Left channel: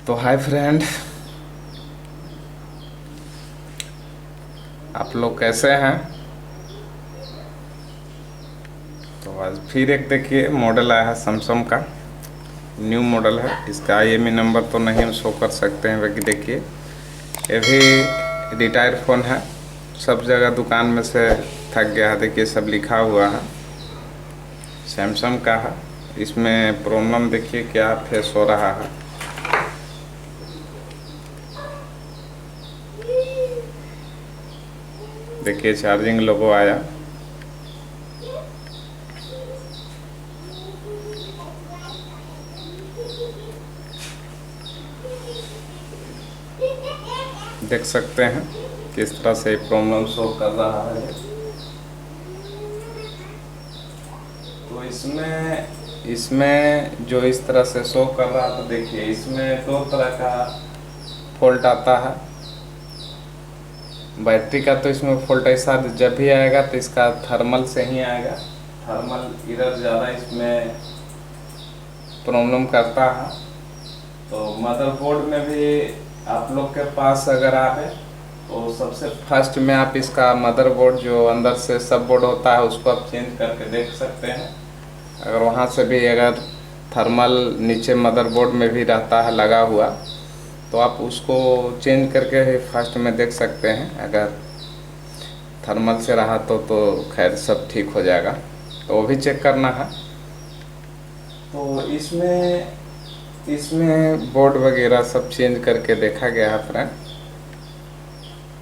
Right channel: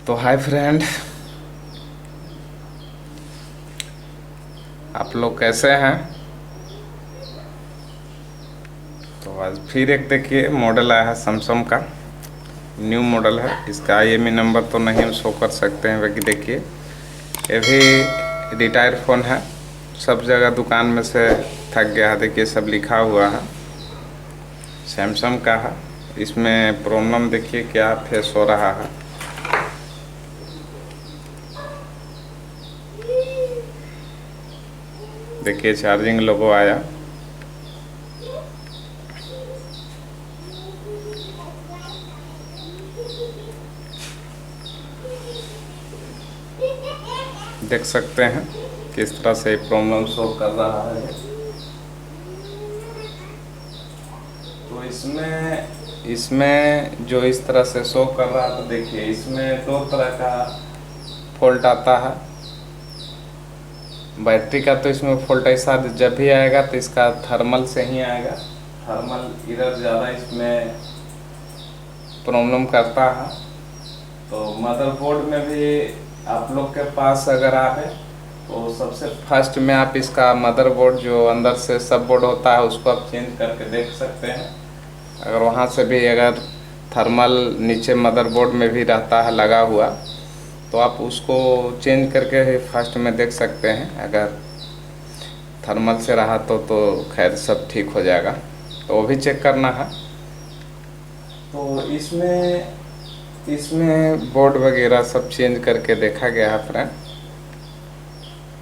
तो hi friend, आप लोग कैसे हैं। तो आज फिर एक देखिए मॉडल आया है सैमसंग का। न्यू मॉडल है। इसका IMEI नंबर तो नहीं हम शो कर सकते हैं, बाकी देखिए ये भी रिटायर फ़ोन है। सब जगह दुकान में से थक गया है। देखिए सब लिखा हुआ है, सैमसंग का है। इसमें प्रॉब्लम देखिए क्या फेस हो रहा है। देखिए चार्जिंग लोगो आया। देख सकते हैं किस तरह से प्रॉब्लम सॉल्व कर रहा है। तो इसमें जो इस तरह से शो कर रहा है, तो देखिए इसमें दो तरह का फॉल्ट आता है। बैटरी का तो इसमें फॉल्ट ऐसा जब भी आएगा तो इसका थर्मल से ही आएगा। थर्मल इधर ज़्यादा इसमें प्रॉब्लम करता है। तो मदरबोर्ड में भी आप लोग के पास अगर आए तो सबसे फर्स्ट में आप इसका मदरबोर्ड जो अंदर से सब बोर्ड होता है उसको आप चेंज करके देख सकते हैं। अगर वहाँ से भी अगर थर्मल नीचे मदरबोर्ड में भी रहता है लगा हुआ, तो आप उसको चेंज करके फर्स्ट में देख सकते हैं। अगर थर्मल से रहा तो खैर सब ठीक हो जाएगा, तो वो भी चेक करना है। तो इसमें बोर्ड वगैरह सब चेंज करके देखा गया है फ्रेंड।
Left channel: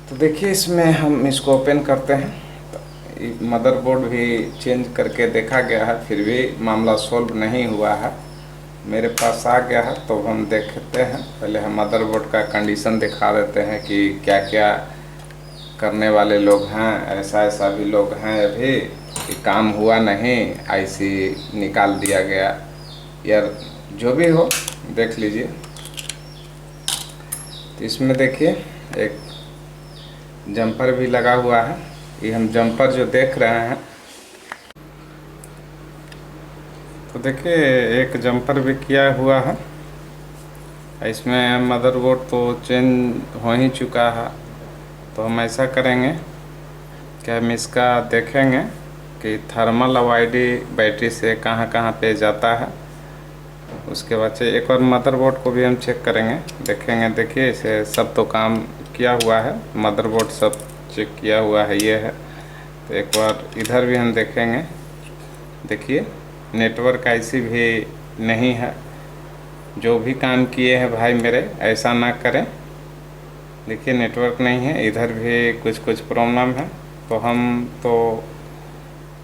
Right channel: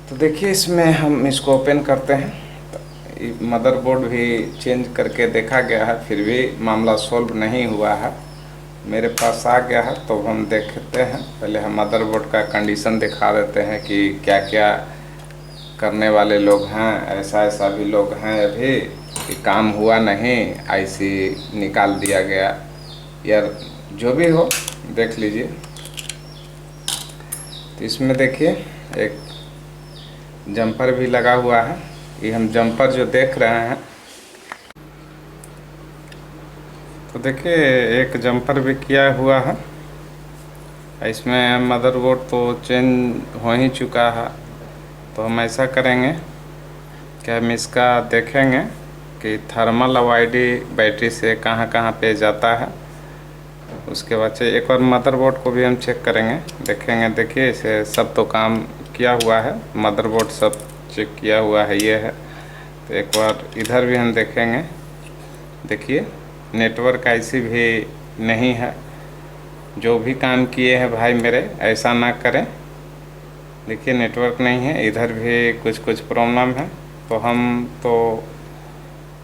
तो देखिए इसमें हम इसको ओपन करते हैं। तो मदरबोर्ड भी चेंज करके देखा गया है, फिर भी मामला सॉल्व नहीं हुआ है। मेरे पास आ गया है तो हम देखते हैं। पहले हम मदरबोर्ड का कंडीशन दिखा देते हैं कि क्या क्या करने वाले लोग हैं। ऐसा ऐसा भी लोग हैं अभी कि काम हुआ नहीं, IC निकाल दिया गया। यार जो भी हो देख लीजिए। तो इसमें देखिए एक जंपर भी लगा हुआ है। ये हम जंपर जो देख रहे हैं, तो देखिए एक जंपर भी किया हुआ है। इसमें मदरबोर्ड तो चेंज हो ही चुका है। तो हम ऐसा करेंगे कि हम इसका देखेंगे कि थर्मल और ID बैटरी से कहाँ कहाँ पे जाता है। उसके बाद से एक बार मदरबोर्ड को भी हम चेक करेंगे, देखेंगे। देखिए इसे सब तो काम किया हुआ है, मदरबोर्ड सब चेक किया हुआ है, ये है। तो एक बार इधर भी हम देखेंगे। देखिए नेटवर्क IC भी नहीं है। जो भी काम किए हैं भाई मेरे, ऐसा ना करें। देखिए नेटवर्क नहीं है, इधर भी कुछ कुछ प्रॉब्लम है। तो हम तो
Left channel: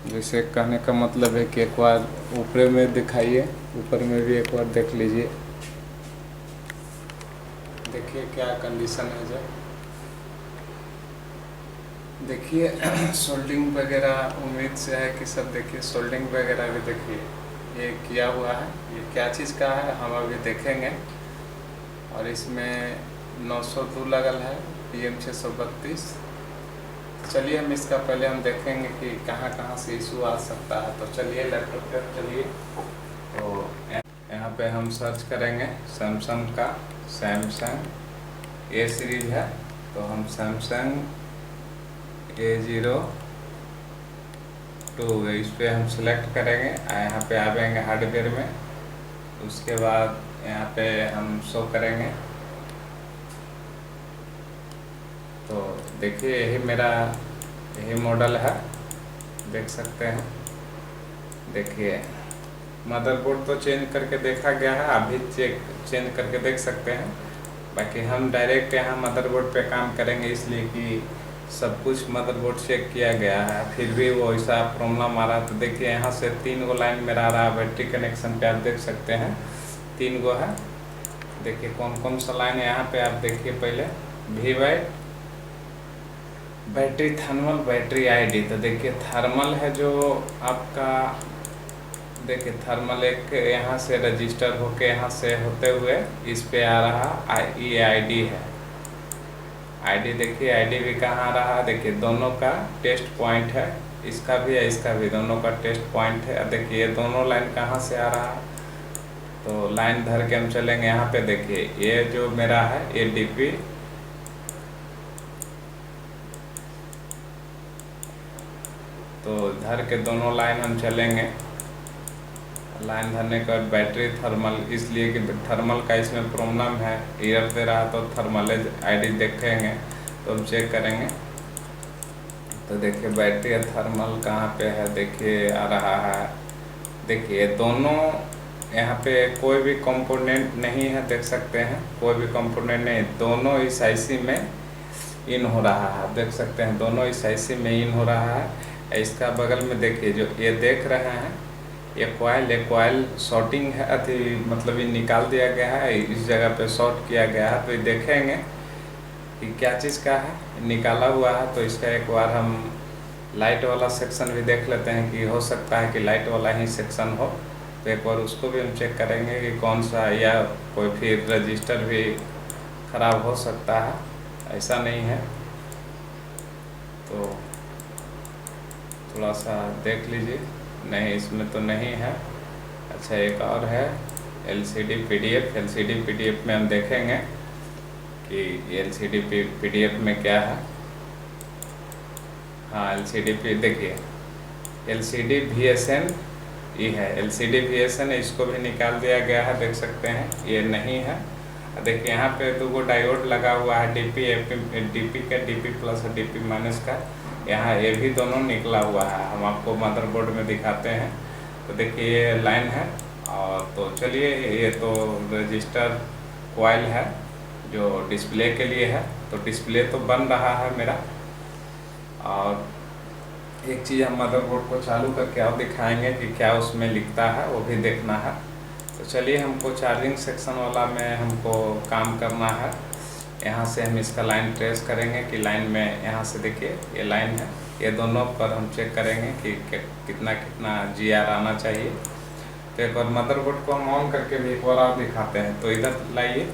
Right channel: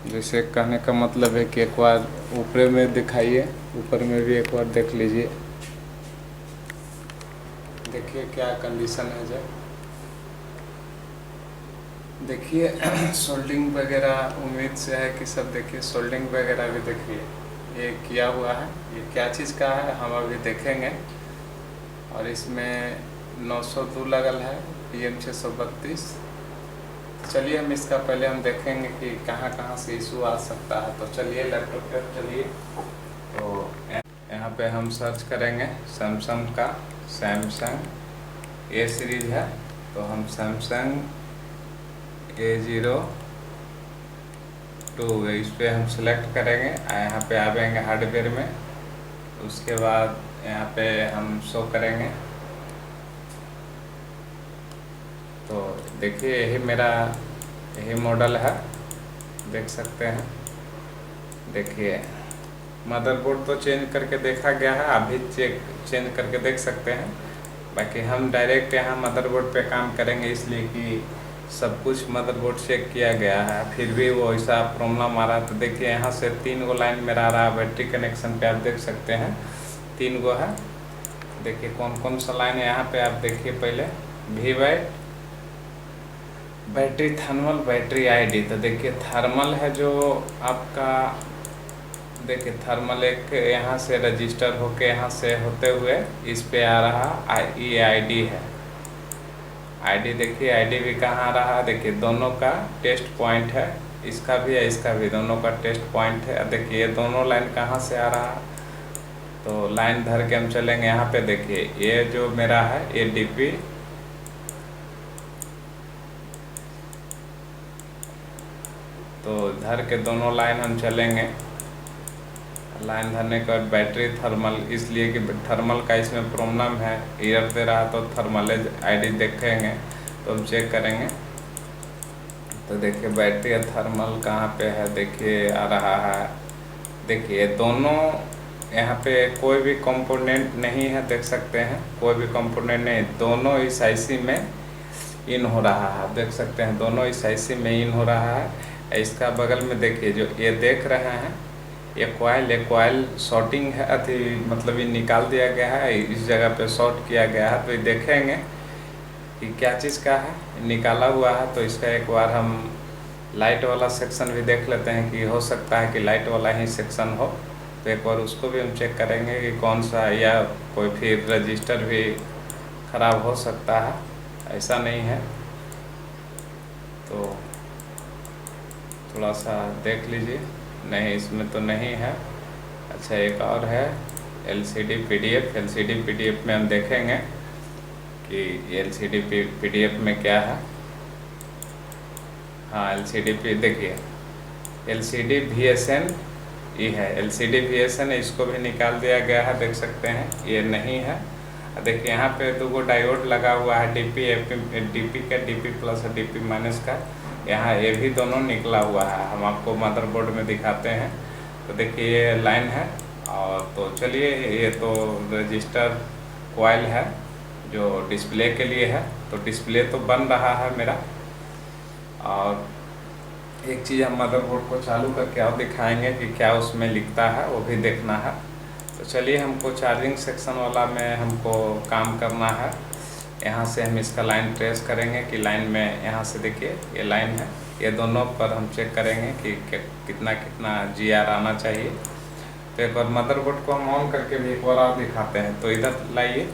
जैसे कहने का मतलब है कि एक बार ऊपर में दिखाइए, ऊपर में भी एक बार देख लीजिए। देखिए क्या कंडीशन है। जब देखिए सोल्डिंग वगैरह उम्मीद से है कि सब देखिए सोल्डिंग वगैरह भी देखिए ये किया हुआ है। ये क्या चीज़ का है हम अभी देखेंगे। और इसमें 902 लगल है, PM632। चलिए हम इसका पहले हम देखेंगे कि कहाँ कहाँ से इशू आ सकता है। तो चलिए लैपटॉप पर चलिए। तो यहाँ पे हम सर्च करेंगे सैमसंग का। सैमसंग A सीरीज है, तो हम सैमसंग A02 इस पर हम सिलेक्ट करेंगे। यहाँ पे आ जाएंगे हार्डवेयर में। उसके बाद यहाँ पे हम शो करेंगे। तो देखिए यही मॉडल है, देख सकते हैं। देखिए मदरबोर्ड तो चेंज करके देखा गया है, अभी चेंज करके देख सकते हैं। बाकी हम डायरेक्ट यहाँ मदरबोर्ड पे काम करेंगे, इसलिए कि सब कुछ मदरबोर्ड चेक किया गया है, फिर भी वो ऐसा प्रॉब्लम आ रहा है। तो देखिए यहाँ से 3 गो लाइन मेरा आ रहा है। बैटरी कनेक्शन पे आप देख सकते हैं 3 गो है। देखिए कौन कौन सा लाइन है यहाँ पे आप देखिए। पहले बैटरी थर्मल, बैटरी ID। तो देखिए थर्मल है जो आपका, देखिए थर्मल एक यहाँ से रजिस्टर होके यहाँ से होते हुए इस पे आ रहा। ये ID है। ID देखिए ID भी कहाँ आ रहा है। देखिए दोनों का टेस्ट पॉइंट है, इसका भी है इसका भी, दोनों का टेस्ट पॉइंट है। देखिए ये दोनों लाइन कहाँ से आ रहा है, तो लाइन धर के हम चलेंगे। यहाँ पे देखिए ये जो मेरा है ये डीपी, तो धर के दोनों लाइन हम चलेंगे। लाइन धरने के बाद बैटरी थर्मल, इसलिए कि थर्मल का इसमें प्रॉब्लम है, एरर दे रहा तो थर्मल आईडी देखेंगे तो हम चेक करेंगे। तो देखिए बैटरी या थर्मल कहाँ पे है, देखिए आ रहा है। देखिए दोनों यहाँ पे कोई भी कंपोनेंट नहीं है, देख सकते हैं कोई भी कंपोनेंट नहीं, दोनों इस आईसी में इन हो रहा है, देख सकते हैं दोनों इस आईसी में इन हो रहा है। इसका बगल में देखिए जो ये देख रहे हैं ये कॉइल शॉर्टिंग है, अति मतलब ये निकाल दिया गया है, इस जगह पे शॉर्ट किया गया है। तो ये देखेंगे कि क्या चीज़ का है, निकाला हुआ है। तो इसका एक बार हम लाइट वाला सेक्शन भी देख लेते हैं कि हो सकता है कि लाइट वाला ही सेक्शन हो, तो एक बार उसको भी हम चेक करेंगे कि कौन सा, या कोई फिर रजिस्टर भी ख़राब हो सकता है, ऐसा नहीं है। तो थोड़ा सा देख लीजिए, नहीं इसमें तो नहीं है। अच्छा एक और है LCD PDF, LCD PDF में हम देखेंगे कि LCD PDF में क्या है। हाँ LCD पे देखिए LCD VSN ये है, LCD VSN है, इसको भी निकाल दिया गया है, देख सकते हैं ये नहीं है। देखिए यहाँ पे दो डायोड लगा हुआ है, DP का DP प्लस और DP माइनस का, यहाँ ये भी दोनों निकला हुआ है। हम आपको मदरबोर्ड में दिखाते हैं। तो देखिए ये लाइन है, और तो चलिए ये तो रजिस्टर कॉइल है जो डिस्प्ले के लिए है, तो डिस्प्ले तो बन रहा है मेरा। और एक चीज़ हम मदरबोर्ड को चालू करके और दिखाएंगे कि क्या उसमें लिखता है, वो भी देखना है। तो चलिए हमको चार्जिंग सेक्शन वाला में हमको काम करना है। यहाँ से हम इसका लाइन ट्रेस करेंगे कि लाइन में, यहाँ से देखिए ये लाइन है, ये दोनों पर हम चेक करेंगे कि कितना कितना GR आना चाहिए। तो एक बार मदरबोर्ड को हम ऑन करके भी एक बार और दिखाते हैं। तो इधर लाइए,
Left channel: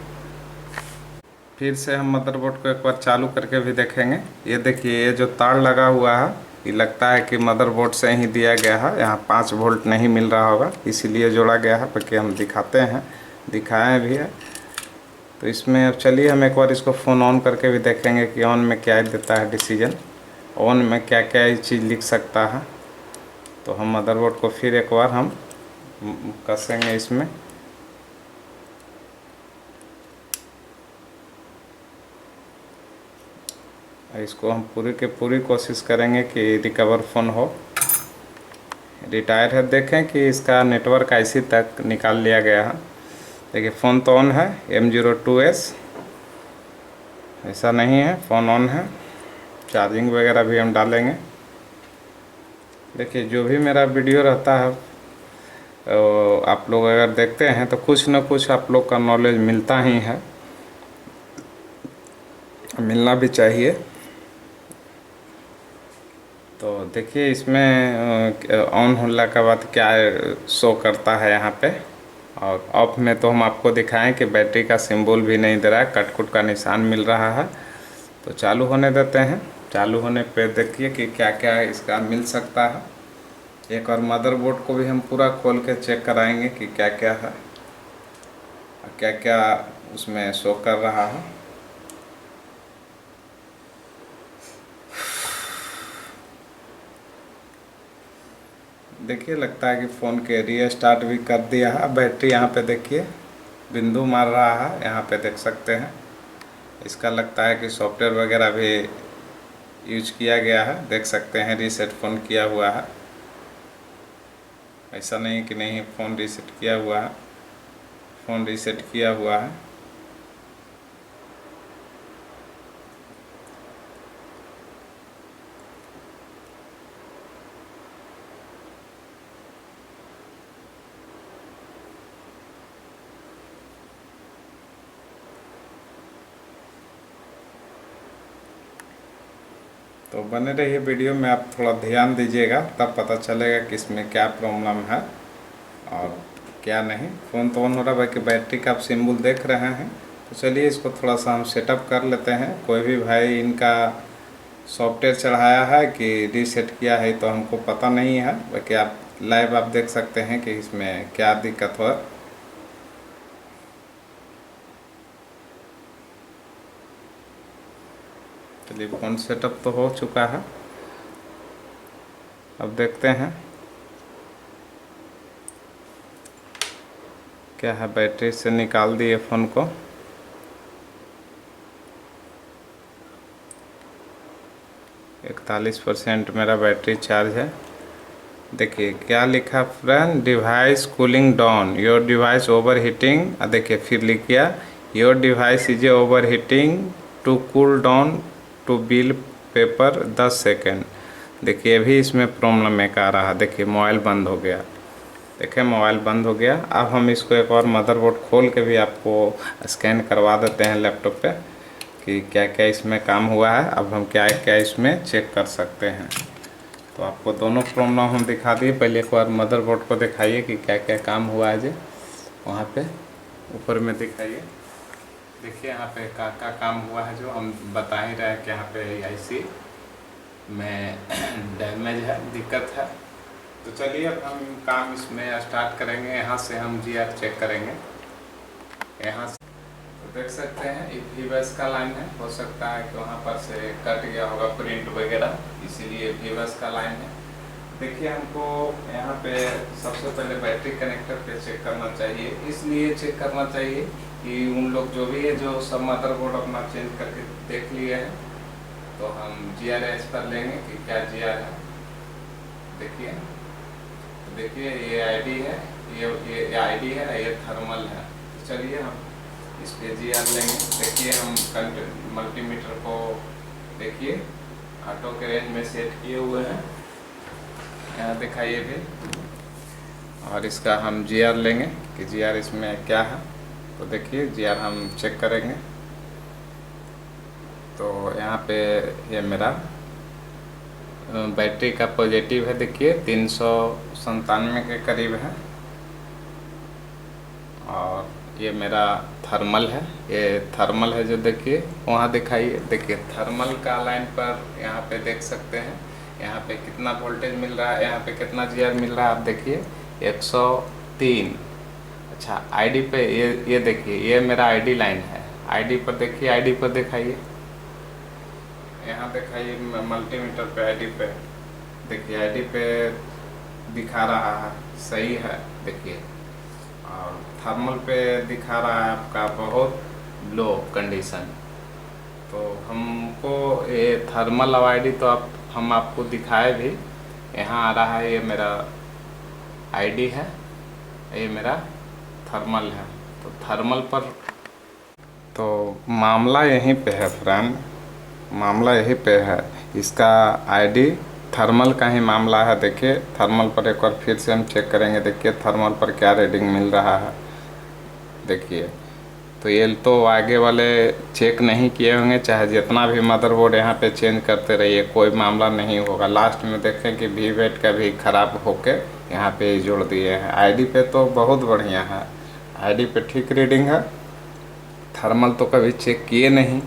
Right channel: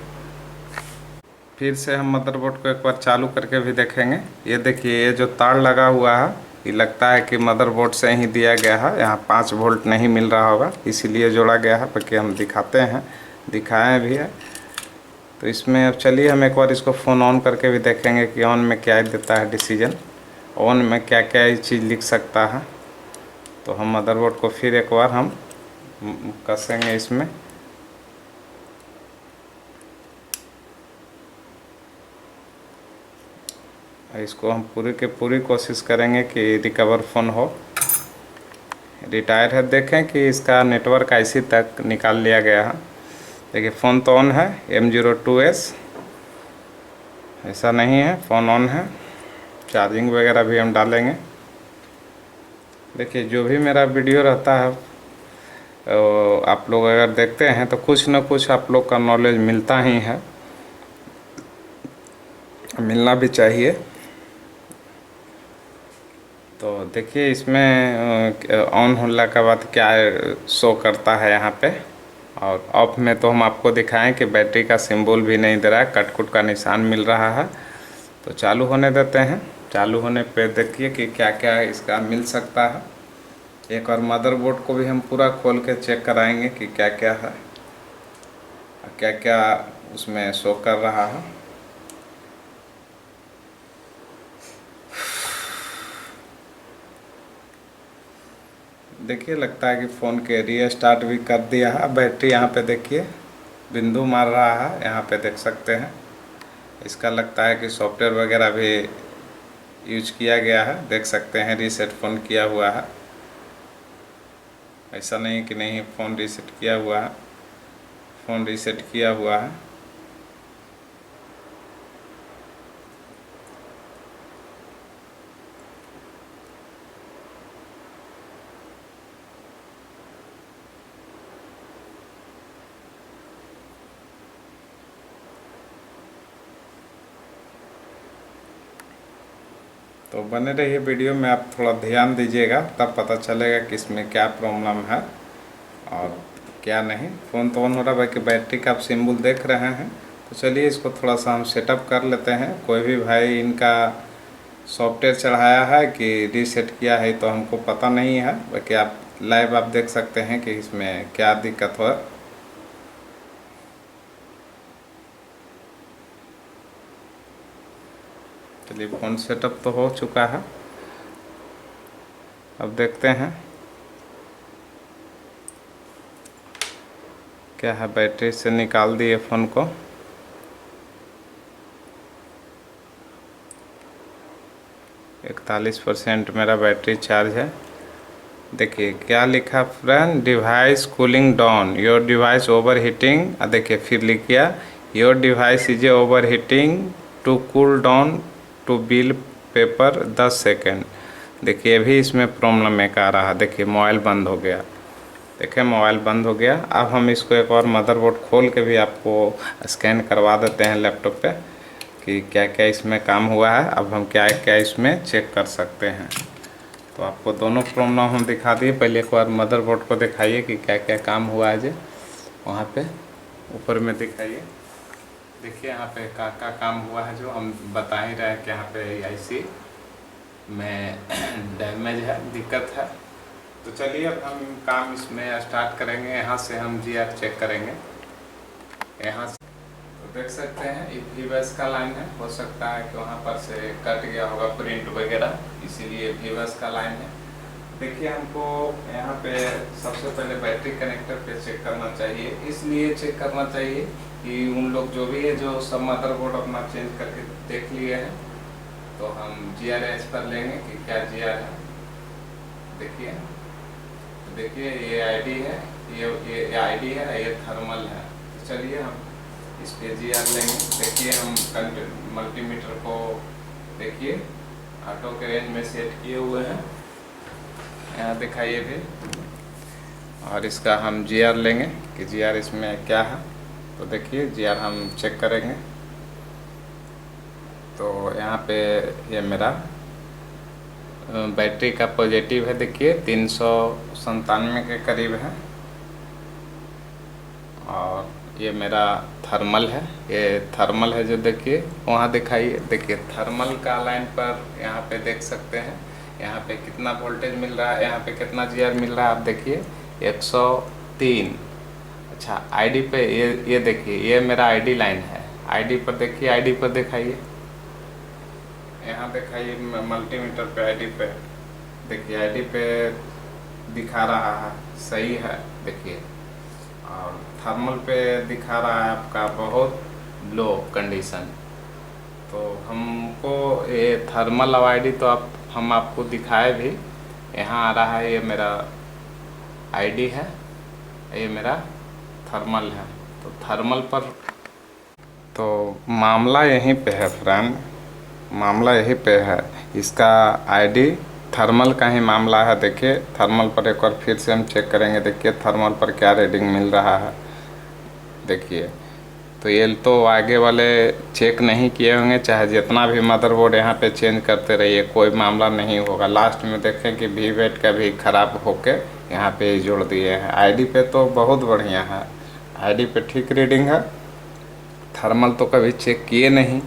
फिर से हम मदरबोर्ड को एक बार चालू करके भी देखेंगे। ये देखिए ये जो तार लगा हुआ है ये लगता है कि मदरबोर्ड से ही दिया गया है, यहाँ 5 वोल्ट नहीं मिल रहा होगा इसीलिए जोड़ा गया है। बाकी हम दिखाते हैं, दिखाएं भी है। तो इसमें अब चलिए हम एक बार इसको फ़ोन ऑन करके भी देखेंगे कि ऑन में क्या देता है डिसीजन, ऑन में क्या क्या चीज़ लिख सकता है। तो हम मदरबोर्ड को फिर एक बार हम कसेंगे इसमें। इसको हम पूरी के पूरी कोशिश करेंगे कि रिकवर फ़ोन हो। रिटायर है, देखें कि इसका नेटवर्क IC तक निकाल लिया गया है। देखिए फ़ोन तो ऑन है, M02S ऐसा नहीं है, फ़ोन ऑन है। चार्जिंग वगैरह भी हम डालेंगे। देखिए जो भी मेरा वीडियो रहता है आप लोग अगर देखते हैं तो कुछ न कुछ आप लोग का नॉलेज मिलता ही है, मिलना भी चाहिए। तो देखिए इसमें ऑन होने के बाद क्या शो करता है यहाँ पे, और ऑफ में तो हम आपको दिखाएं कि बैटरी का सिंबल भी नहीं दे रहा है, कट का निशान मिल रहा है। तो चालू होने देते हैं। चालू होने पे देखिए कि क्या क्या इसका मिल सकता है। एक और मदरबोर्ड को भी हम पूरा खोल के चेक कराएंगे कि क्या क्या है, क्या क्या उसमें शो कर रहा है। देखिए लगता है कि फ़ोन के रीस्टार्ट भी कर दिया है। बैटरी यहाँ पे देखिए बिंदु मार रहा है, यहाँ पे देख सकते हैं। इसका लगता है कि सॉफ्टवेयर वगैरह भी यूज किया गया है, देख सकते हैं रीसेट फ़ोन किया हुआ है। ऐसा नहीं कि नहीं फ़ोन रीसेट किया हुआ है, फ़ोन रीसेट किया हुआ है। तो बने रहिए वीडियो में, आप थोड़ा ध्यान दीजिएगा तब पता चलेगा कि इसमें क्या प्रॉब्लम है और क्या नहीं। फ़ोन तो ऑन हो रहा है, बाकी बैटरी का आप सिंबल देख रहे हैं। तो चलिए इसको थोड़ा सा हम सेटअप कर लेते हैं। कोई भी भाई इनका सॉफ्टवेयर चढ़ाया है कि रीसेट किया है तो हमको पता नहीं है, बाकी आप लाइव आप देख सकते हैं कि इसमें क्या दिक्कत हो। चलिए, फ़ोन सेटअप तो हो चुका है। अब देखते हैं क्या है। बैटरी से निकाल दिए फ़ोन को। %41 मेरा बैटरी चार्ज है। देखिए क्या लिखा friend, device cooling down, your device overheating. देखिए फिर लिख गया, your device is overheating, to cool down to bill paper 10 second. देखिए अभी इसमें प्रॉब्लम एक आ रहा। देखिए मोबाइल बंद हो गया। देखिए मोबाइल बंद हो गया। अब हम इसको एक और मदरबोर्ड खोल के भी आपको स्कैन करवा देते हैं लैपटॉप पे कि क्या क्या इसमें काम हुआ है। अब हम क्या क्या इसमें चेक कर सकते हैं। तो आपको दोनों प्रॉब्लम हम दिखा दिए। पहले एक बार मदरबोर्ड को दिखाइए कि क्या क्या काम हुआ है जी, वहाँ पे ऊपर में दिखाइए। देखिए यहाँ पे क्या काम हुआ है, जो हम बता ही रहे हैं कि यहाँ पे आईसी में डैमेज है, दिक्कत है। तो चलिए अब हम काम इसमें स्टार्ट करेंगे। यहाँ से हम जीआर चेक करेंगे। यहाँ से तो देख सकते हैं ये वीबस का लाइन है। हो सकता है कि वहाँ पर से कट गया होगा प्रिंट वगैरह, इसीलिए वीबस का लाइन है। देखिए हमको यहाँ पे सबसे पहले बैटरी कनेक्टर पे चेक करना चाहिए। इसलिए चेक करना चाहिए कि उन लोग जो भी है, जो सब मदरबोर्ड अपना चेंज करके देख लिए हैं, तो हम जीआरएस पर लेंगे कि क्या जीआर है। देखिए तो देखिए ये आईडी है, ये आईडी है, ये थर्मल है। तो चलिए हम इस पे जीआर लेंगे। देखिए हम मल्टीमीटर को देखिए ऑटो के रेंज में सेट किए हुए हैं, यहाँ दिखाइए भी। और इसका हम जीआर लेंगे कि जीआर इसमें क्या है। तो देखिए जीआर हम चेक करेंगे। तो यहाँ पे ये मेरा बैटरी का पॉजिटिव है। देखिए 397 के करीब है। और ये मेरा थर्मल है, ये थर्मल है जो देखिए वहाँ दिखाइए। देखिए थर्मल का लाइन पर यहाँ पे देख सकते हैं, यहाँ पे कितना वोल्टेज मिल रहा है, यहाँ पे कितना जीआर मिल रहा है। आप देखिए 103। अच्छा आईडी पे ये देखिए, ये मेरा आईडी लाइन है। आईडी पर देखिए, आईडी पर दिखाइए, यहाँ दिखाइए मल्टीमीटर पे आईडी पे। देखिए आईडी पे दिखा रहा है सही है। देखिए और थर्मल पे दिखा रहा है आपका बहुत लो कंडीशन। तो हमको ये थर्मल आईडी तो हम आपको दिखाए भी। यहाँ आ रहा है ये मेरा आईडी है, ये मेरा थर्मल है। तो थर्मल पर तो मामला यहीं पे है फ्रेंड, मामला यहीं पे है। इसका आईडी थर्मल का ही मामला है। देखिए थर्मल पर एक बार फिर से हम चेक करेंगे। देखिए थर्मल पर क्या रीडिंग मिल रहा है। देखिए तो ये तो आगे वाले चेक नहीं किए होंगे, चाहे जितना भी मदरबोर्ड यहाँ पे चेंज करते रहिए कोई मामला नहीं होगा। लास्ट में देखें कि वीवेट का भी ख़राब होके यहाँ पे जोड़ दिए हैं। आईडी पे तो बहुत बढ़िया है, आईडी पे ठीक रीडिंग है। थर्मल तो कभी चेक किए नहीं,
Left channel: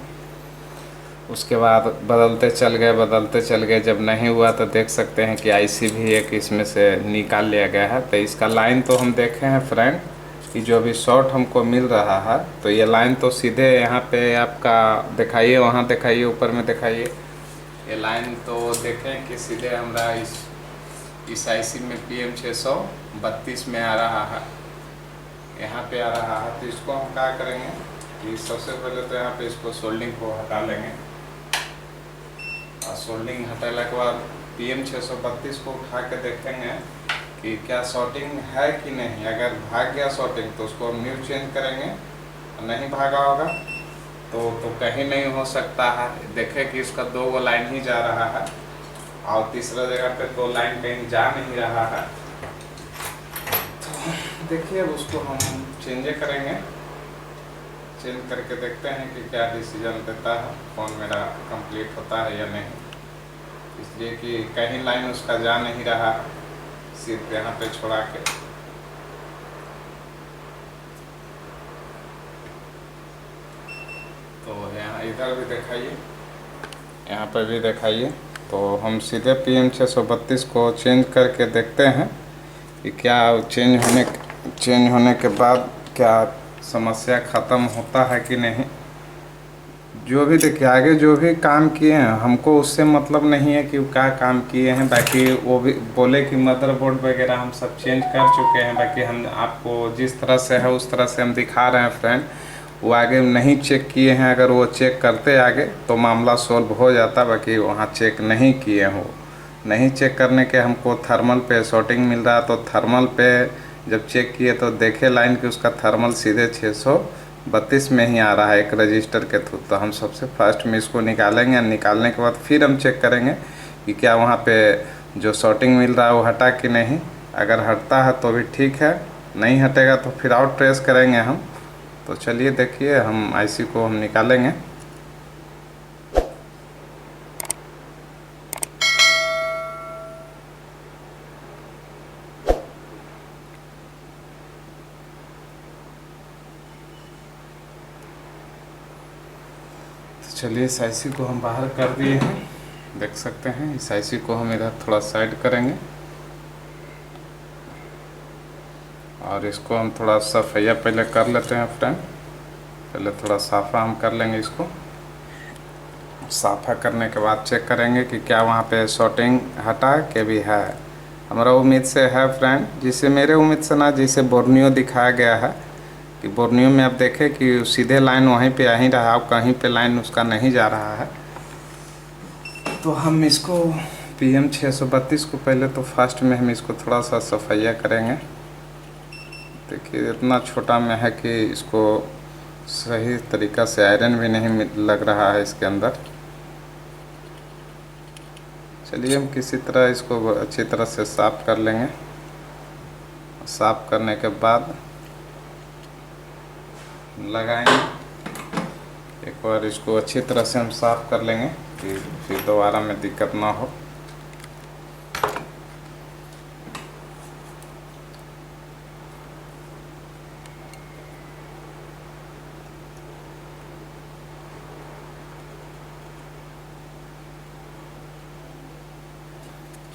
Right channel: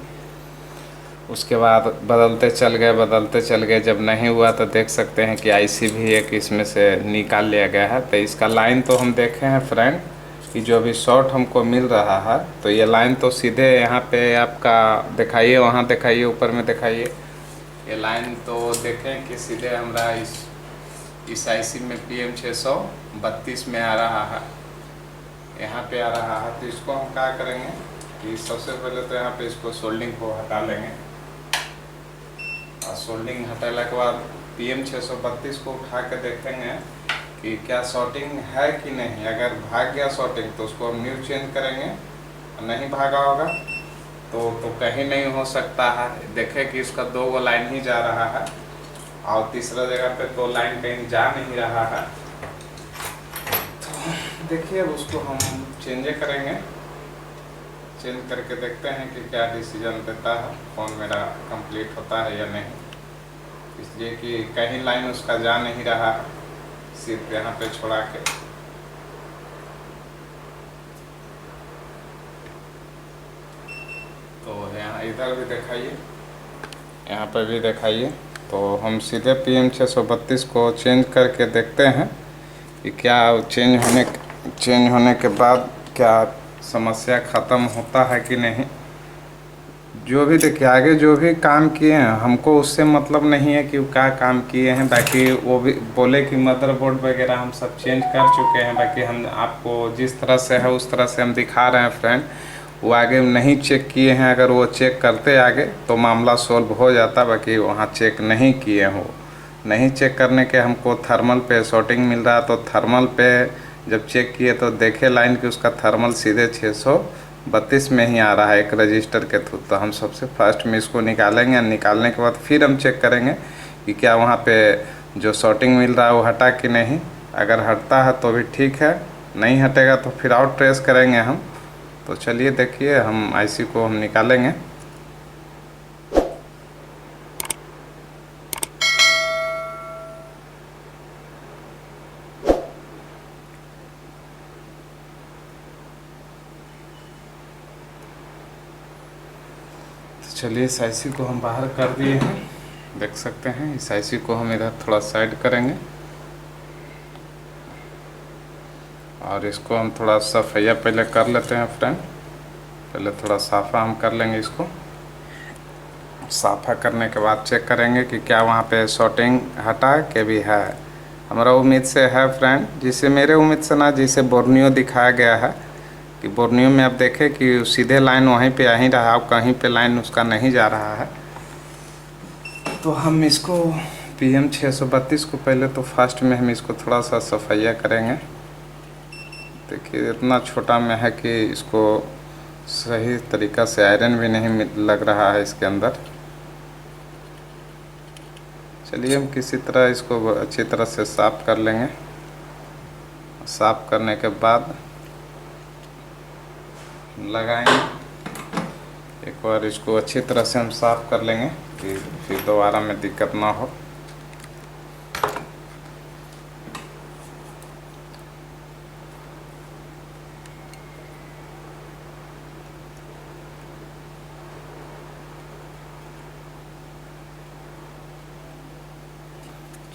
उसके बाद बदलते चल गए। जब नहीं हुआ तो देख सकते हैं कि आईसी भी एक इसमें से निकाल लिया गया है। तो इसका लाइन तो हम देखे हैं फ्रेंड कि जो भी शॉर्ट हमको मिल रहा है, तो ये लाइन तो सीधे यहाँ पे आपका दिखाइए, वहाँ दिखाइए, ऊपर में दिखाइए। ये लाइन तो देखें कि सीधे हमारा इस आईसी में PM632 में आ रहा है, यहाँ पे आ रहा है। तो इसको हम क्या करेंगे कि सबसे पहले तो यहाँ पे इसको सोल्डिंग को हटा लेंगे। और सोल्डिंग हटाने के बाद PM632 को उठा के देखेंगे कि क्या शॉर्टिंग है कि नहीं। अगर भाग गया शॉर्टिंग तो उसको हम न्यू चेंज करेंगे। नहीं भागा होगा तो कहीं नहीं हो सकता है। देखें कि इसका 2 लाइन ही जा रहा है और तीसरा जगह पे 2 लाइन कहीं जा नहीं रहा है। तो देखिए अब उसको हम चेंज करेंगे। चेंज करके देखते हैं कि क्या डिसीजन देता है, फ़ोन मेरा कंप्लीट होता है या नहीं। इसलिए कि कहीं लाइन उसका जा नहीं रहा, सिर्फ यहाँ पे छोड़ा के। तो यहाँ इधर भी दिखाइए, यहाँ पर भी दिखाइए। तो हम सीधे PM632 को चेंज करके देखते हैं कि क्या चेंज होने के बाद क्या समस्या ख़त्म होता है कि नहीं। जो भी देखिए आगे जो भी काम किए हैं हमको उससे मतलब नहीं है कि वो क्या काम किए हैं। बाकी वो भी बोले कि मदरबोर्ड वगैरह हम सब चेंज कर चुके हैं। बाकी हम आपको जिस तरह से है उस तरह से हम दिखा रहे हैं फ्रेंड। वो आगे नहीं चेक किए हैं, अगर वो चेक करते आगे तो मामला सोल्व हो जाता। बाकी वहाँ चेक नहीं किए हो, नहीं चेक करने के हमको थर्मल पे शॉर्टिंग मिल रहा। तो थर्मल पे जब चेक किए तो देखे लाइन कि उसका थर्मल सीधे 632 में ही आ रहा है एक रजिस्टर के थ्रू। तो हम सबसे फर्स्ट में इसको निकालेंगे, निकालने के बाद फिर हम चेक करेंगे कि क्या वहाँ पे जो शॉर्टिंग मिल रहा है वो हटा कि नहीं। अगर हटता है तो भी ठीक है, नहीं हटेगा तो फिर आउट ट्रेस करेंगे हम। तो चलिए देखिए हम आईसी को हम निकालेंगे। चलिए इस आईसी को हम बाहर कर दिए हैं, देख सकते हैं। इस आईसी को हम इधर थोड़ा साइड करेंगे और इसको हम थोड़ा सफाइया पहले कर लेते हैं फ्रेंड। पहले थोड़ा साफ़ा हम कर लेंगे इसको। साफ़ा करने के बाद चेक करेंगे कि क्या वहाँ पे शॉर्टिंग हटा के भी है। हमारा उम्मीद से है फ्रेंड, जिसे मेरे उम्मीद से ना, जिसे बोर्नियो दिखाया गया है कि बोर्नियो में आप देखें कि सीधे लाइन वहीं पे आ ही रहा, कहीं पे लाइन उसका नहीं जा रहा है। तो हम इसको PM 632 को पहले तो फास्ट में हम इसको थोड़ा सा सफाइया करेंगे। देखिए इतना छोटा में है कि इसको सही तरीक़ा से आयरन भी नहीं लग रहा है इसके अंदर। चलिए हम किसी तरह इसको अच्छी तरह से साफ़ कर लेंगे। साफ़ करने के बाद लगाएंगे, एक बार इसको अच्छी तरह से हम साफ़ कर लेंगे कि फिर दोबारा में दिक्कत ना हो।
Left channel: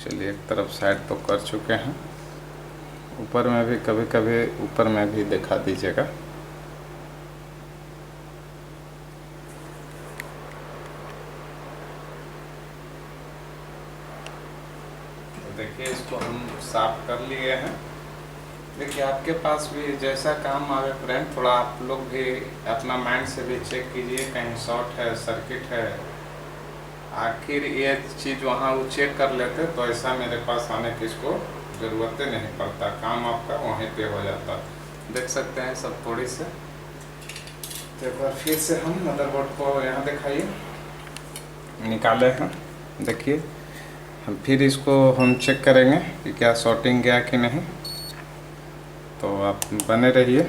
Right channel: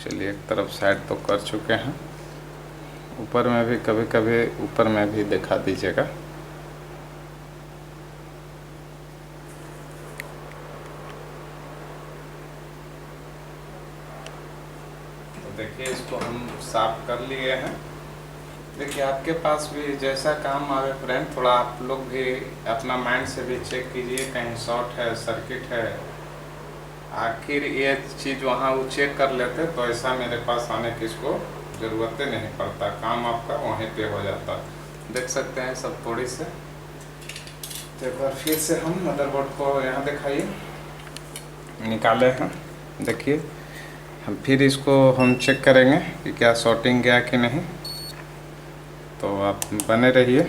चलिए एक तरफ साइड तो कर चुके हैं, ऊपर में भी कभी कभी ऊपर में भी दिखा दीजिएगा। तो देखिए इसको हम साफ कर लिए हैं। देखिए आपके पास भी जैसा काम आवे फ्रेंड, थोड़ा आप लोग भी अपना माइंड से भी चेक कीजिए, कहीं शॉर्ट है, सर्किट है। आखिर ये चीज़ वहाँ वो चेक कर लेते तो ऐसा मेरे पास आने की इसको ज़रूरत नहीं पड़ता, काम आपका वहीं पे हो जाता। देख सकते हैं सब थोड़ी से। तो एक बार फिर से हम मदरबोर्ड को यहाँ दिखाइए, निकाले हैं। देखिए हम फिर इसको हम चेक करेंगे कि क्या शॉर्टिंग गया कि नहीं। तो आप बने रहिए।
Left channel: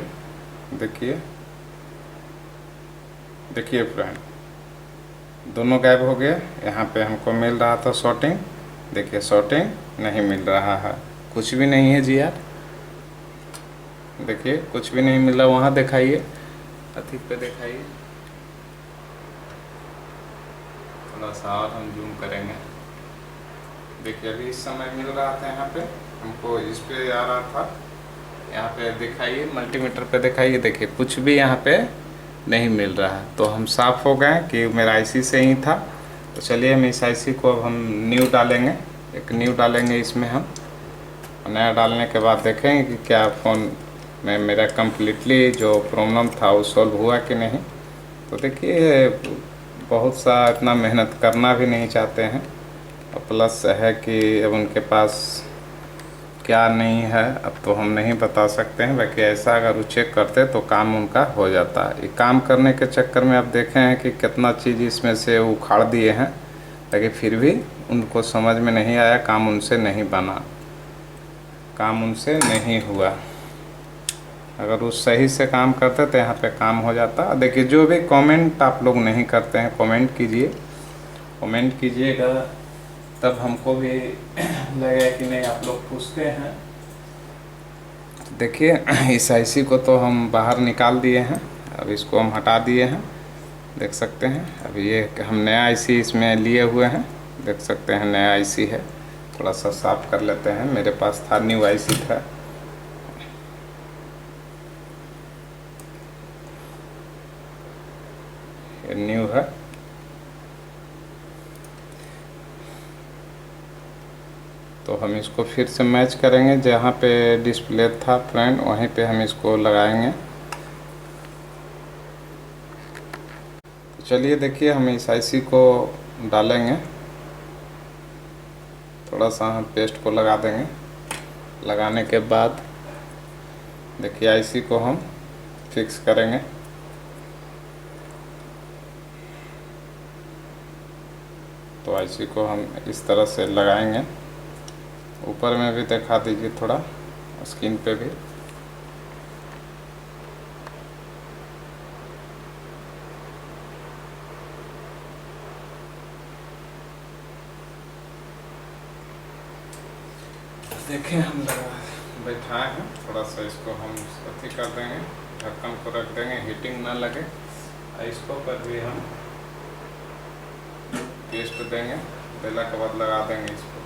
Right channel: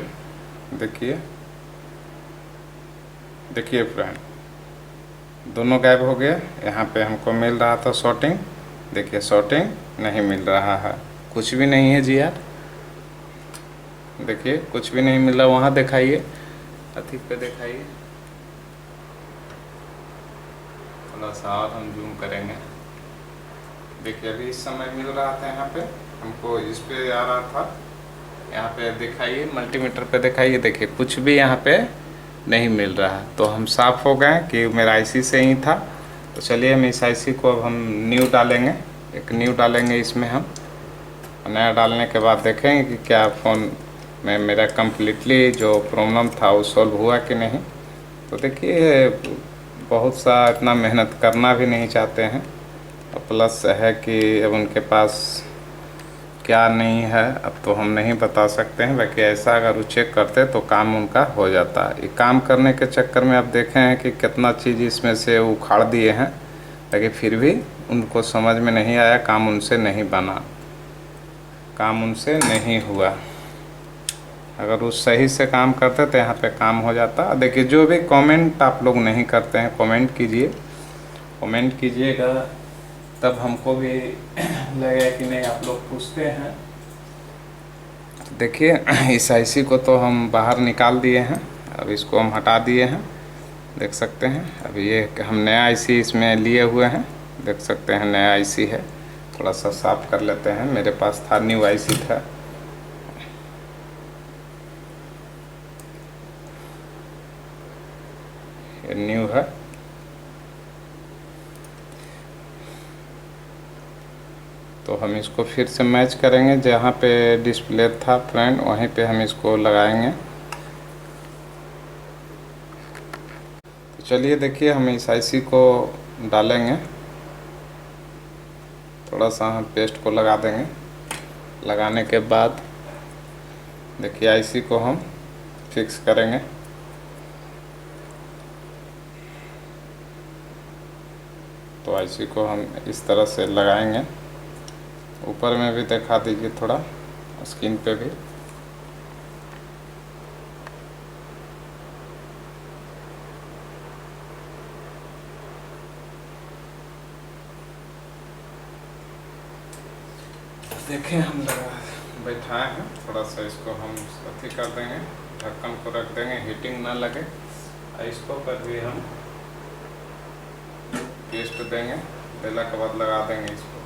देखिए फ्रेंड, दोनों गायब हो गए। यहाँ पे हमको मिल रहा था शॉर्टिंग, देखिए शॉर्टिंग नहीं मिल रहा है, कुछ भी नहीं है जी यार। देखिए कुछ भी नहीं मिल रहा। वहाँ दिखाइए, अथी पे दिखाइए, थोड़ा सा और हम जूम करेंगे। देखिए अभी इस समय मिल रहा था, यहाँ पे हमको इस पे आ रहा था। यहाँ पे दिखाइए, मल्टीमीटर पे दिखाइए, देखिए कुछ भी यहाँ पे नहीं मिल रहा है। तो हम साफ़ हो गए कि मेरा आईसी से ही था। तो चलिए हम इस आईसी को अब हम न्यू डालेंगे, एक न्यू डालेंगे इसमें हम। नया डालने के बाद देखेंगे कि क्या फ़ोन में मेरा कम्प्लीटली जो प्रॉब्लम था वो सॉल्व हुआ कि नहीं। तो देखिए बहुत सा इतना मेहनत करना भी नहीं चाहते हैं, और प्लस है कि अब उनके पास क्या नहीं है अब तो हम नहीं बता सकते हैं। बाकी ऐसा अगर वो चेक करते तो काम उनका हो जाता। ये काम करने के चक्कर में आप देखे हैं कि कितना चीज़ इसमें से उखाड़ दिए हैं, लेकिन फिर भी उनको समझ में नहीं आया, काम उनसे नहीं बना, काम उनसे नहीं हुआ। अगर वो सही से काम करते तो यहाँ पे काम हो जाता। देखिए जो भी कमेंट आप लोग नहीं करते हैं, कमेंट कीजिए, कमेंट कीजिएगा, तब हमको भी लगे कि नहीं आप लोग पूछते हैं। देखिए इस आईसी को तो हम बाहर निकाल दिए हैं, अब इसको हम हटा दिए हैं, देख सकते हैं। अब ये हम नया आईसी इसमें लिए हुए हैं, देख सकते हैं नया आईसी है। थोड़ा सा साफ कर लेते हैं, मेरे पास था न्यू आईसी था। ये न्यू है। तो हम इसको फिर से मैच करेंगे, जहाँ पे डिस्प्ले था फ्रेंड वहीं पे हम इसको लगाएंगे। तो चलिए देखिए, हम इस आईसी को डालेंगे, थोड़ा सा हम पेस्ट को लगा देंगे। लगाने के बाद देखिए आईसी को हम फिक्स करेंगे। तो आईसी को हम इस तरह से लगाएंगे। ऊपर में भी दिखा दीजिए थोड़ा, स्क्रीन पे भी। देखें हम लगा बैठाए हैं, थोड़ा सा इसको हम अथी कर देंगे, ढक्कन को रख देंगे, हीटिंग ना लगे। इसको पर भी हम पेस्ट देंगे, देने के बाद लगा देंगे इसको।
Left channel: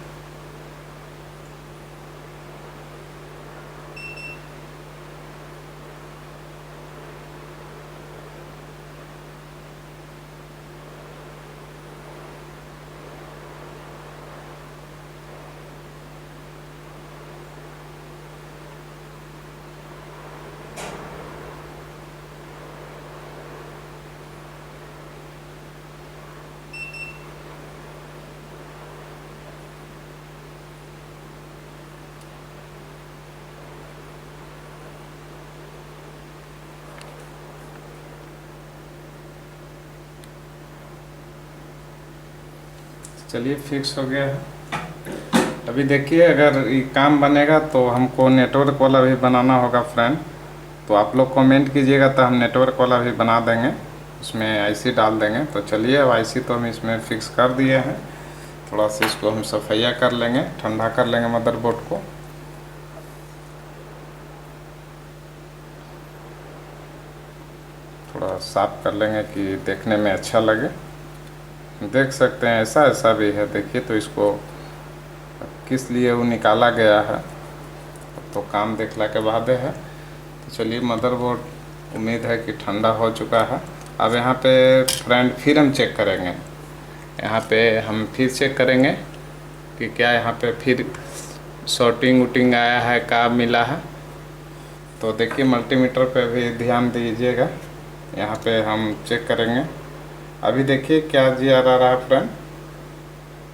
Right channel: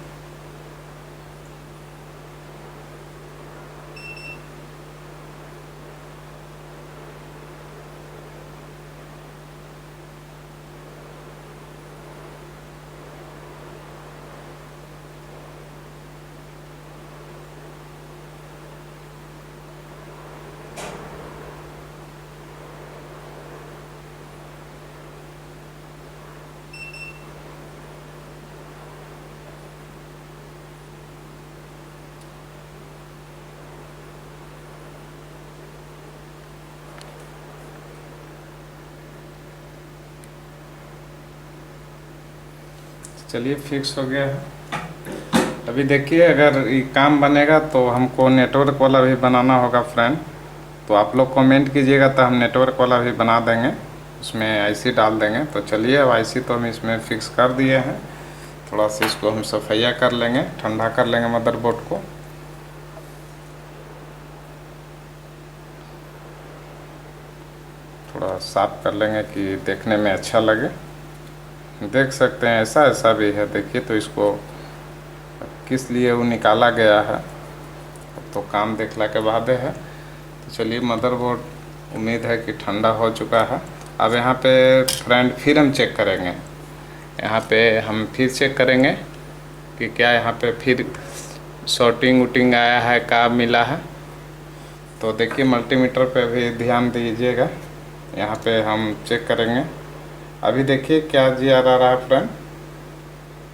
चलिए फिक्स हो गया है। अभी देखिए, अगर ये काम बनेगा तो हमको नेटवर्क वाला भी बनाना होगा फ्रेंड। तो आप लोग कमेंट कीजिएगा तो हम नेटवर्क वाला भी बना देंगे, उसमें आईसी डाल देंगे। तो चलिए, अब आईसी तो हम इसमें फिक्स कर दिए हैं। थोड़ा सा इसको हम सफाइया कर लेंगे, ठंडा कर लेंगे मदरबोर्ड को। थोड़ा साफ कर लेंगे कि देखने में अच्छा लगे। देख सकते हैं ऐसा ऐसा भी है, देखिए। तो इसको किस लिए वो निकाला गया है तो काम देखला के बाद है। तो चलिए, मदरबोर्ड उम्मीद है कि ठंडा हो चुका है। अब यहाँ पे फ्रेंड फिर हम चेक करेंगे, यहाँ पे हम फिर चेक करेंगे कि क्या यहाँ पे फिर शॉर्टिंग वूटिंग आया है, क्या मिला है। तो देखिए, मल्टीमीटर पे भी ध्यान दीजिएगा, यहाँ पे हम चेक करेंगे। अभी देखिए क्या जी आ रहा है फ्रेंड,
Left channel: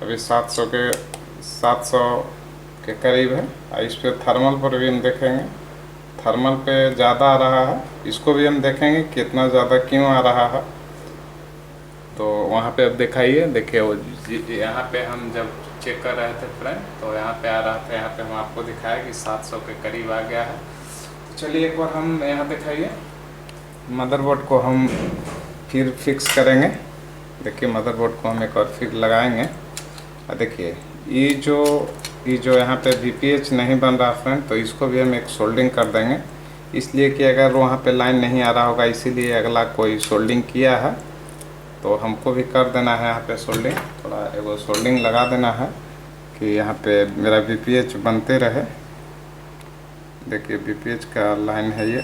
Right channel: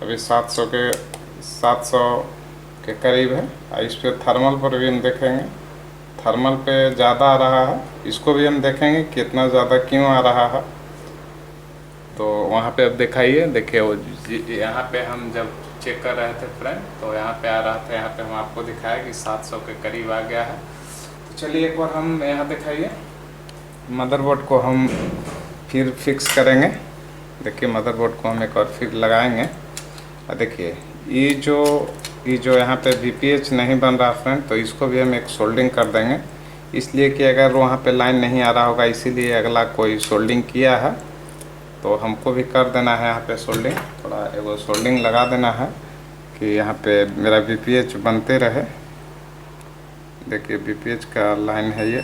अभी 700 के करीब है। इस पे थर्मल पर भी हम देखेंगे, थर्मल पे ज़्यादा आ रहा है। इसको भी हम देखेंगे कितना ज़्यादा क्यों आ रहा है। तो वहाँ पे अब दिखाइए, देखिए वो यहाँ पे हम जब चेक कर रहे थे फ्रेंड, तो यहाँ पे आ रहा था, यहाँ पे हम आपको दिखाया कि 700 के करीब आ गया है। तो चलिए एक बार हम यहाँ दिखाइए, मदरबोर्ड को हम फिर फिक्स करेंगे। देखिए, मदरबोर्ड को हम एक और फिर लगाएंगे। और देखिए ये जो यहाँ पे VPH नहीं बन रहा फ्रेंड, तो इसको भी हम एक सोल्डिंग कर देंगे। इसलिए कि अगर वहाँ पे लाइन नहीं आ रहा होगा, इसीलिए अगला कोई सोल्डिंग किया है तो हमको भी कर देना है यहाँ पे सोल्डिंग। थोड़ा एगो सोल्डिंग लगा देना है कि यहाँ पे मेरा VPH बनते रहे। देखिए VPH का लाइन है ये,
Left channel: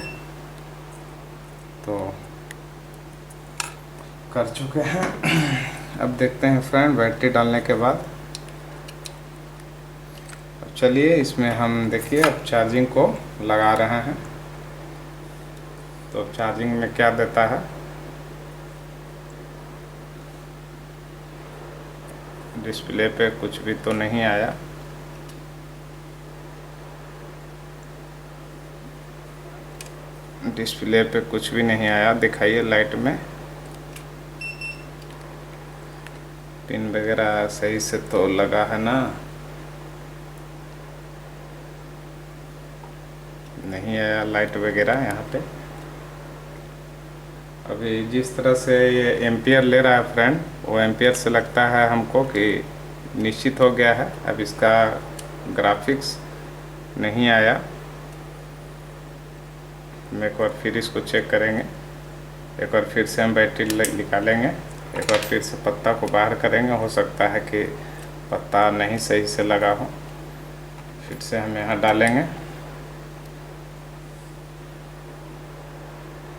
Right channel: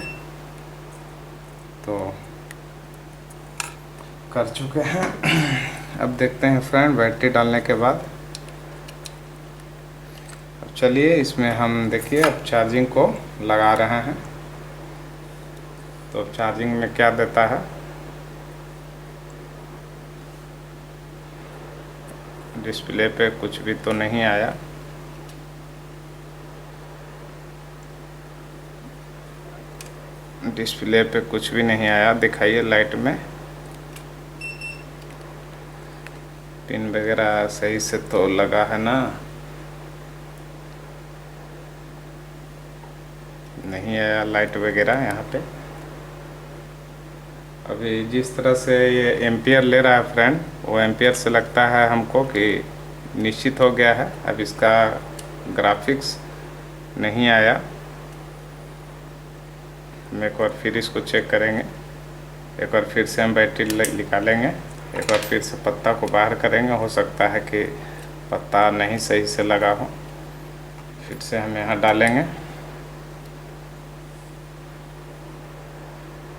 तो कर चुके हैं। अब देखते हैं फ्रेंड बैटरी डालने के बाद। अब चलिए इसमें हम देखिए अब चार्जिंग को लगा रहे हैं। तो अब चार्जिंग में क्या देता है, डिस्प्ले पे कुछ भी तो नहीं आया। डिस्प्ले पे कुछ भी नहीं आया, दिखाइए लाइट में। पिन वगैरह सही से तो लगा है ना, नहीं आया लाइट वगैरह यहाँ पे। अभी जिस तरह से ये एम्पियर ले रहा है फ्रेंड, वो एम्पियर से लगता है हमको कि निश्चित हो गया है। अब इसका ग्राफिक्स नहीं आया, हम एक बार फिर इसको चेक करेंगे। एक बार फिर से हम बैटरी निकालेंगे, एक बार फिर से पत्ता को बाहर करेंगे। हो सकता है कि पत्ता नहीं सही से लगा हो, फिर से हम यहाँ डालेंगे।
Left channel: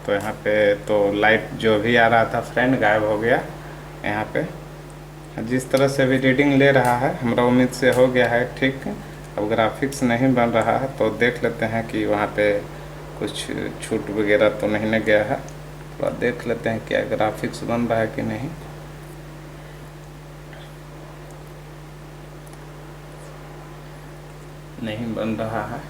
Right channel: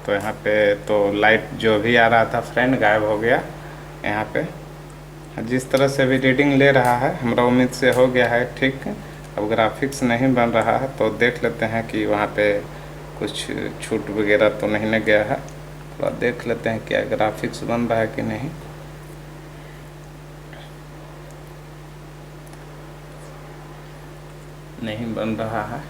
तो यहाँ पे तो लाइट जो भी आ रहा था फ्रेंड गायब हो गया यहाँ पे। जिस तरह से अभी रीडिंग ले रहा है हमारा उम्मीद से हो गया है ठीक। अब ग्राफिक्स नहीं बन रहा है तो देख लेते हैं कि वहाँ पे कुछ छूट वगैरह तो नहीं न गया है। थोड़ा देख लेते हैं क्या ग्राफिक्स बन रहा है कि नहीं। नहीं बन रहा है।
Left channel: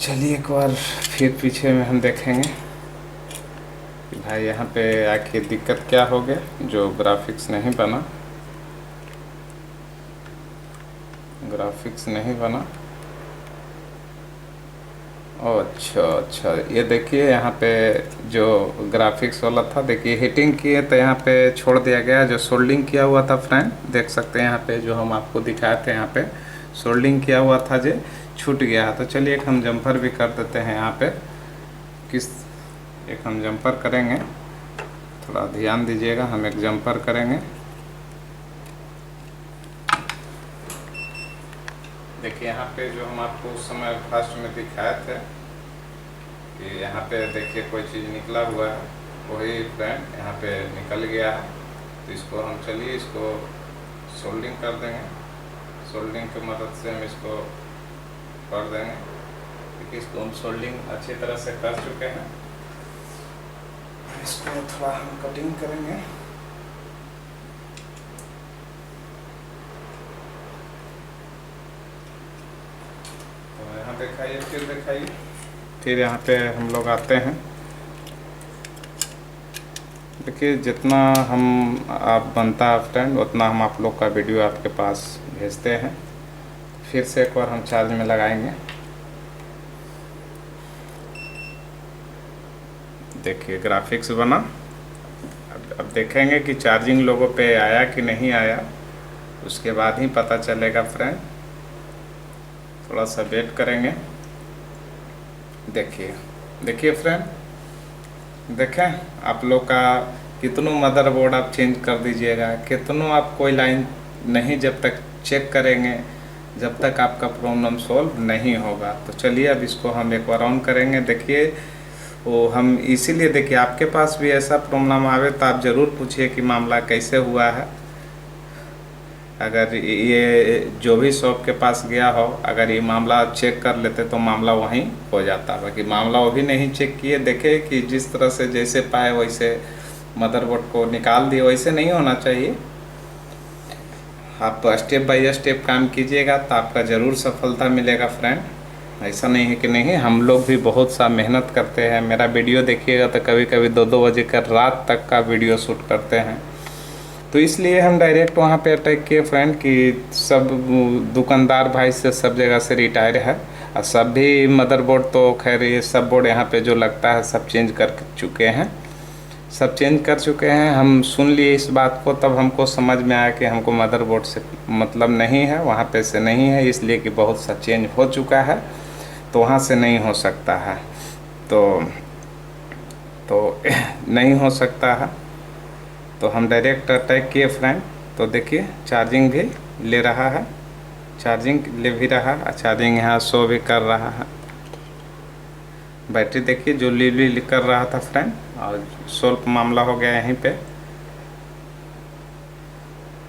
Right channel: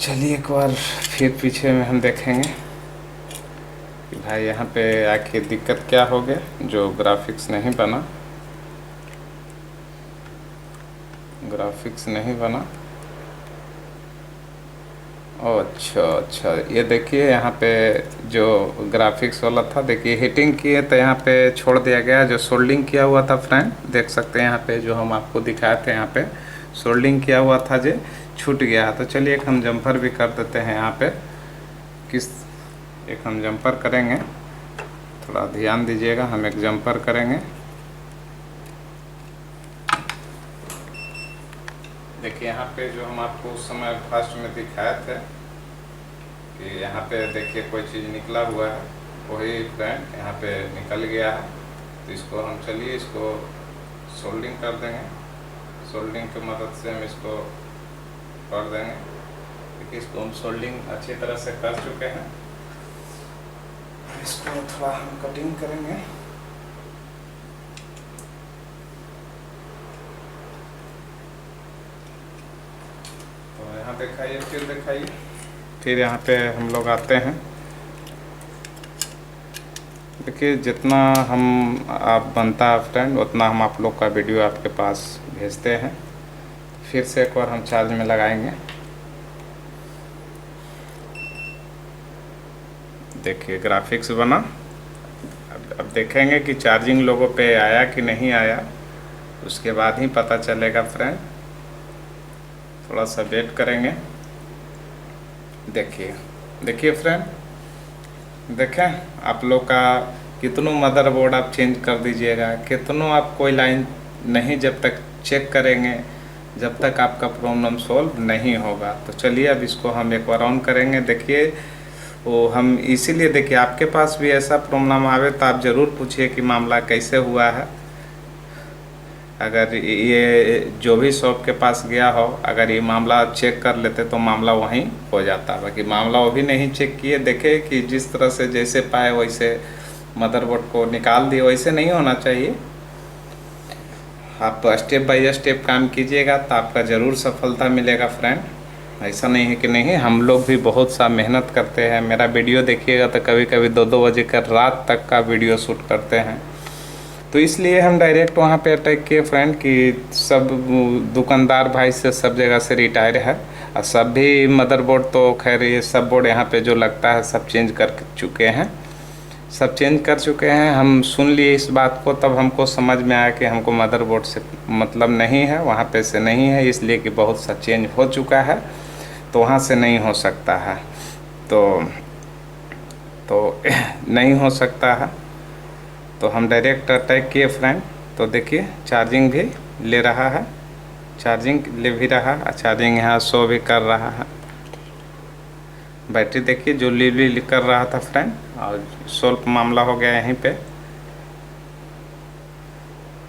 चलिए एक बार फिर पीछे में हम देखेंगे कि भाई यहाँ पे आखिर दिक्कत क्या हो गया जो ग्राफिक्स नहीं बना। ग्राफिक्स नहीं बना। अच्छा ये देखिए यहाँ पे जो ग्राफिक्स वाला था, देखिए हीटिंग किए तो यहाँ पे छोड़ दिया गया। जो सोल्डिंग किया हुआ था फ्रेंड देख सकते हैं यहाँ पे, जो हम आपको दिखाए थे यहाँ पे सोल्डिंग किया हुआ था जो छूट गया है। तो चलिए एक हम जंपर भी कर देते हैं यहाँ पे। एक हम जंपर करेंगे, थोड़ा ध्यान दीजिएगा। हम एक जंपर करेंगे। देखिए यहाँ पे जो हम आपको उस समय फर्स्ट में दिखाए थे कि यहाँ पे देखिए कोई चीज़ निकला हुआ है, वही फ्रेंड यहाँ पे निकल गया है। तो इसको हम चलिए इसको सोल्डिंग कर देंगे। सोल्डिंग की मदद से हम इसको कर देंगे। देखिए इसको हम सोल्डिंग अच्छी तरह से कर चुके हैं। इसको थोड़ा हम कटिंग करेंगे। यहाँ दिखाइए, फिर दिखाइए। फिर यहाँ पे हम लोग आते हैं। देखिए जितना हम आप बनता है फ्रेंड उतना हम आप लोग का वीडियो आपके पास भेजते हैं। फिर से एक बार हम चार्ज में लगाएंगे। देखिए ग्राफिक्स बना। अब देखेंगे कि चार्जिंग लोगों पे आया कि नहीं आया, उसके बाद ही पता चलेगा फ्रेंड। थोड़ा सा वेट करेंगे। देखिए फ्रेंड, देखें आप लोग का कितनों मदरबोर्ड आप चेंज कर दीजिएगा, कितनों आप कोई लाइन नहीं जब तक चेक करेंगे जब तक आपका प्रॉब्लम सॉल्व नहीं होगा। तो चलिए अब इसको हम एक बार ऑन करेंगे। देखिए वो हम इसीलिए, देखिए आपके पास भी ऐसा प्रॉब्लम आवे तो आप ज़रूर पूछिए कि मामला कैसे हुआ है। अगर ये जो भी शॉप के पास गया हो, अगर ये मामला चेक कर लेते तो मामला वहीं हो जाता। बाकी मामला वो भी नहीं चेक किए। देखे कि जिस तरह से जैसे पाए वैसे मदरबोर्ड को निकाल दिए, वैसे नहीं होना चाहिए। आप स्टेप बाय स्टेप काम कीजिएगा तो आपका ज़रूर सफलता मिलेगा फ्रेंड। ऐसा नहीं है कि नहीं, हम लोग भी बहुत सा मेहनत करते हैं। मेरा वीडियो देखिएगा तो कभी कभी 2-2 बजे का रात तक का वीडियो शूट करते हैं। तो इसलिए हम डायरेक्ट वहाँ पे अटैक किए फ्रेंड कि सब दुकानदार भाई से सब जगह से रिटायर है और सब भी मदरबोर्ड तो खैर ये सब बोर्ड यहाँ पे जो लगता है सब चेंज कर चुके हैं। सब चेंज कर चुके हैं। हम सुन लिए इस बात को, तब हमको समझ में आया कि हमको मदरबोर्ड से मतलब नहीं है, वहाँ पे से नहीं है, इसलिए कि बहुत सा चेंज हो चुका है तो वहाँ से नहीं हो सकता है। तो नहीं हो सकता है तो हम डायरेक्ट अटैक किए फ्रेंड। तो देखिए चार्जिंग भी ले रहा है, चार्जिंग ले भी रहा है, चार्जिंग यहाँ शो भी कर रहा है। बैटरी देखिए जो ली कर रहा था फ्रेंड, और सोल्व मामला हो गया यहीं पे।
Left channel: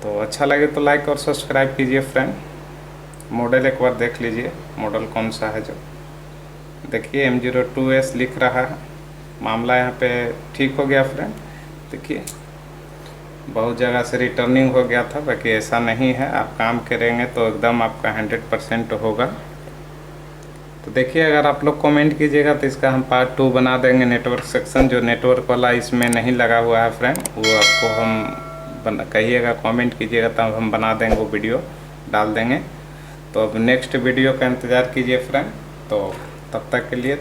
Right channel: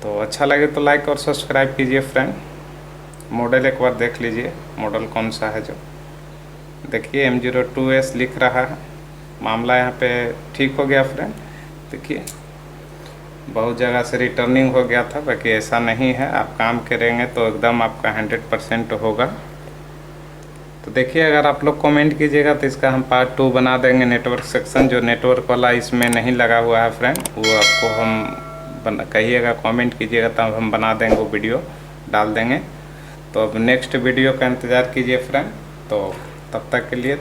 तो अच्छा लगे तो लाइक और सब्सक्राइब कीजिए फ्रेंड। मॉडल एक बार देख लीजिए, मॉडल कौन सा है। जो देखिए M02S लिख रहा है। मामला यहाँ पे ठीक हो गया फ्रेंड। देखिए बहुत जगह से रिटर्निंग हो गया था, बाकी ऐसा नहीं है। आप काम करेंगे तो एकदम आपका 100% होगा। तो देखिए अगर आप लोग कमेंट कीजिएगा तो इसका हम पार्ट 2 बना देंगे। नेटवर्क सेक्शन जो नेटवर्क वाला इसमें नहीं लगा हुआ है फ्रेंड, वो आपको हम कहिएगा, कमेंट कीजिएगा तब हम बना देंगे, वो वीडियो डाल देंगे। तो अब नेक्स्ट वीडियो का इंतज़ार कीजिए फ्रेंड। तो तब तक के लिए